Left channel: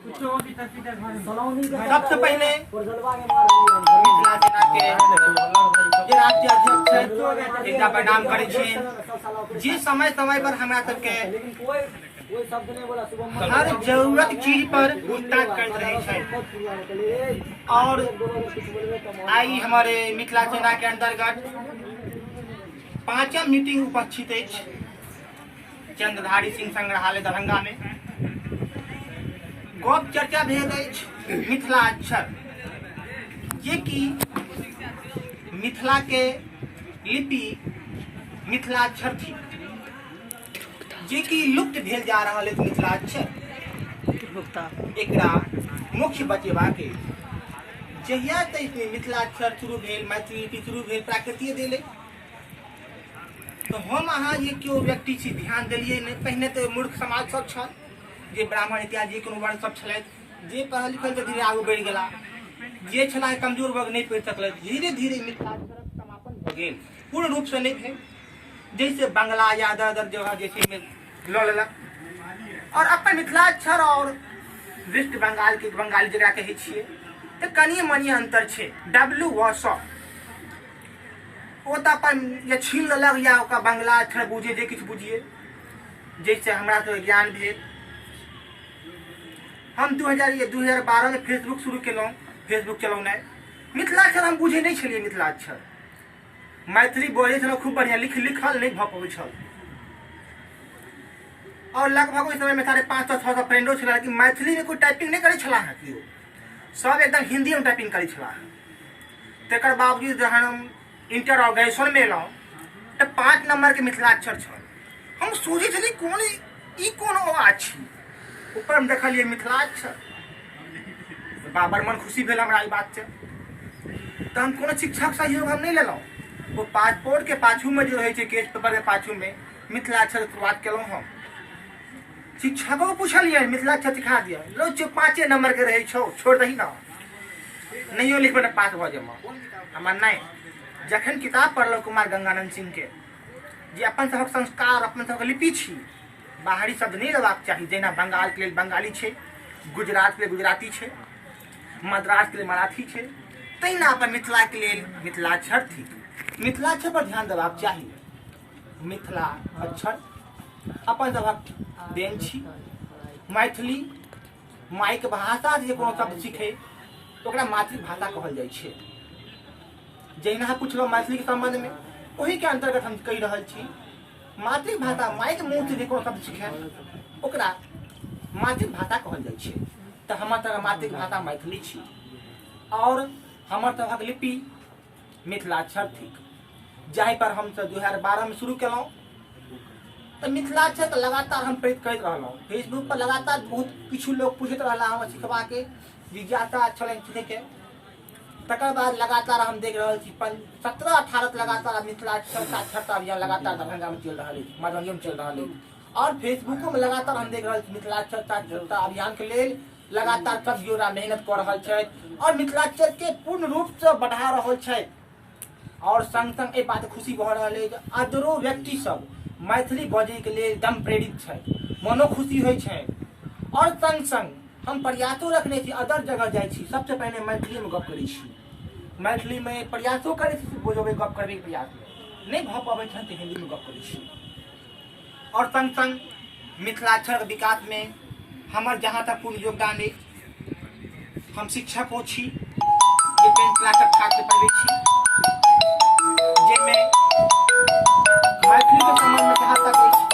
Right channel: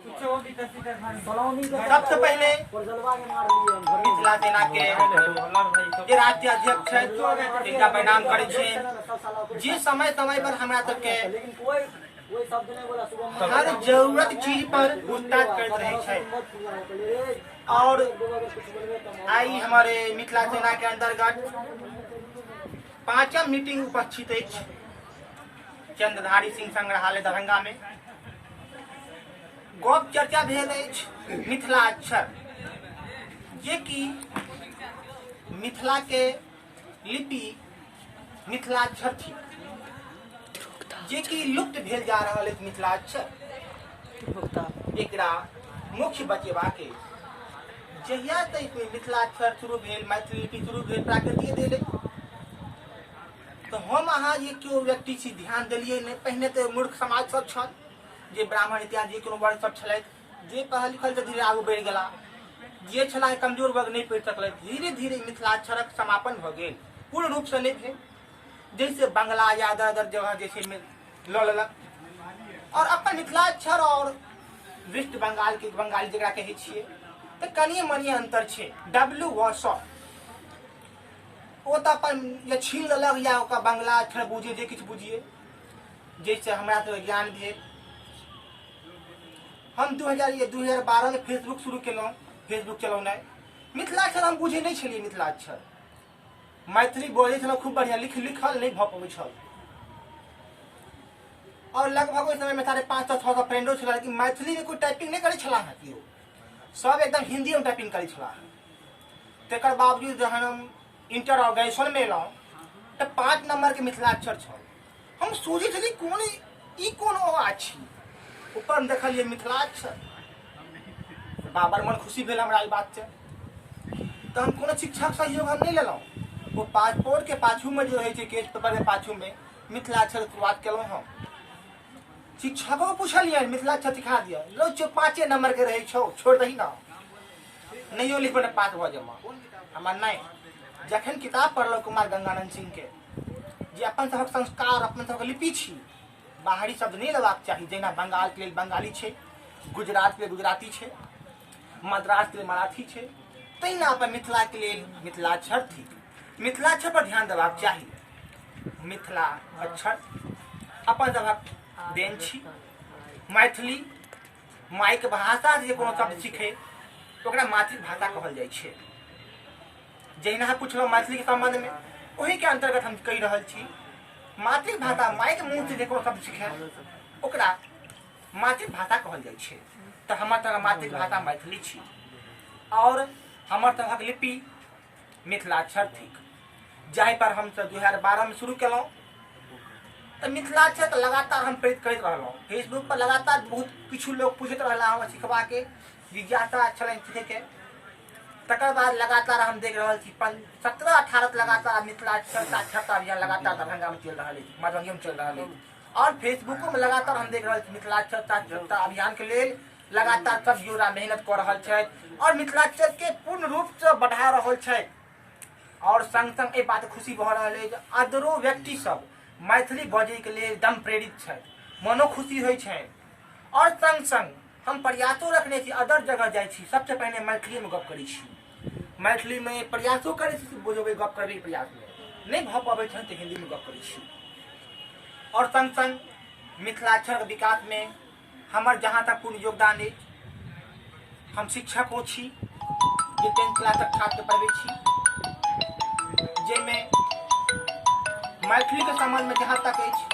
सबसे पहले मिथिला सेना के जे राज्य अध्यक्ष है एकटा प्रणाम करे छियै, जे समय समय पर हमरा सबके हर जरूरत चीज पर पूछताछ करते रहे छै। और आई हमारे मिथिला सेना के अंतर्गत 5वीं मीटिंग उपस्थित अछि चंद्रधारी सिंह संग्रहालय दरभंगा में। गप चर्चा भेल अछि मिथिला अक्षर, जे कि मिथिला के लिपि मिथिला अक्षर थी, जे कि लुप्त भेल जा रहा है। मिथिला अक्षर एकरा मुख्य बचेबा के जहिया तक मिथिला अक्षर शुरू भेल, मैथिली लिपि शुरू भेल, प्राकृतिक देले तो हम अहाँ ये क्यों व्यक्ति छी ध्यान दिलिए नहीं। पहले तो मूर्ख समाज सब छल, जे ब्राह्मण इत्यादि जे कोनो वर्ण सब छलैथ, जे पढ़ल लिखल तो धीरे आगू बढ़ि गेला, जे छला कमजोर वर्ग नहीं पढ़ि सकल। धीरे धीरे मिथिलाक्षरक समापन भ गेल, पूर्ण रूप से नहीं भेल। जैसे बंगला या अदर जगह जैसे में लऽ लेलक। और अपन मिथिलाक्षर और वेस्ट बंगाल के बंगाली जकरा कहै छियै तो कनिए मनिए अंतर छै। डब्ल्यू व स ओ तो अपन या छीन लेलक या ओकरा बंगला अक्षर बुझे जे किछु बुझिए। जैसे हमरा तो ज्ञान भेल, हम 2012 में फेसबुक शुरू केलहुँ, फेसबुक चलौनाइ। मिथिलाक्षर हम बुझे नहीं छलिए। मिथिलाक्षर मैथिली बोले छलहुँ खूब बढ़िया, लिखल नहीं भऽ पबै छल। और लगभग ओहि समय में 550-600 फ्रेंडो छला, लेकिन मैथिली में कोई टाइपिंग नहीं करै छलाह है केओ, सब एकदम हिंदी में टाइपिंग करै छलाह। तकर बावजूद जहन हम इंटर और ग्रेजुएशन में एलहुँ तो 5 नंबर के मिथिलाक्षर छल। हम सोचै छलियै कोन ई कोन अछि, ऊपर में देखलिए मिथिलाक्षर, बड़ मन खुशी भेल हमरा ई बात से। तो हम कोनो शिक्षक सहयोग हम नहीं लेलहुँ। वो पासपोर्ट के पाछू में जो रहे छै, केस पेपर के पाछू में मिथिलाक्षर शुरुआत केलहुँ हम। शिक्षकों को पूछलिए मिथिलाक्षर सिखा दिया, लो 5 नंबर के रहे छो, छोड़ दही ना, नहियो लिखबे न पास भ जमा। हमर नहीं, जखन किताब पढ़लहुँ कुमार गंगानंद सिंह के, जे अपन सबक संस्कार अपन सबक लिपि छी, बाहरी शब्द नहीं लेबाक चाही। जेना बंगाल के लिए बंगाली छै, गुजरात के लिए गुजराती छै, मद्रास के लिए मराठी छै, तहिना अपन मिथिला के लिए मिथिलाक्षर थी। मिथिलाक्षर पर ध्यान देबाक चाही। मिथिला अक्षर अपन सबक देन छी। मैथिली मायके भाषा जे कोनो शब्द सीखे ओकरा मातृभाषा कहल जाइ छै। जहिना पूछलहुँ मैथिली के संबंध में, वही के अंतर्गत हम कहि रहल छी। मातृभाषा मायके मुँह से जे कोनो शब्द सीखे ओकरा मातृभाषा कहल जाइ छै। तो हमर तरह मातृभाषा मैथिली छी और हमर तरहक लिपि मिथिलाक्षर थिक, जाहि पर हम 2012 में शुरू केलहुँ। तो मिथिलाक्षर तो लगातार हम प्रेरित करैत रहलहुँ। फेसबुक पर लगातार बहुत किछु लोग पूछैत रहला हमरा सिखबा के, जिज्ञासा छलनि सीखे के। तकर बाद लगातार हम देख रहल छी 17-18 लगातार मिथिलाक्षर साक्षरता अभियान लगातार दरभंगा में चल रहा है, मधुबनी में चल रहा है। और फेसबुको में लगातार हम देख रहल छी मिथिलाक्षर साक्षरता अभियान के लिए लगातार सब योजना मेहनत कर रहल छै और मिथिलाक्षर के पूर्ण रूप से बढ़ा रहल छै। और संग संग ए बात खुशी भऽ रहल है, अदरो व्यक्ति सब मैथिली बजै के लिए एकदम प्रेरित छै, मनो खुशी होइ छै। और संग संग हम प्रयासो रखने छी, अदर जगह जाइ छी सबसे पहले मैथिली में गप करै छी, मैथिली में प्रयासो करै छी, बुझबै गप करबै के प्रयास में नहीं भऽ पाबै छै तो हिंदी में गप करै छी। और संग संग मिथिलाक्षर विकास में हमर जहाँ तक पूर्ण योगदान है, हम शिक्षको छी जे 10th क्लासक छात्र पढ़बै छी, जाहिमे मैथिली के संबंध में जहाँ तक अछि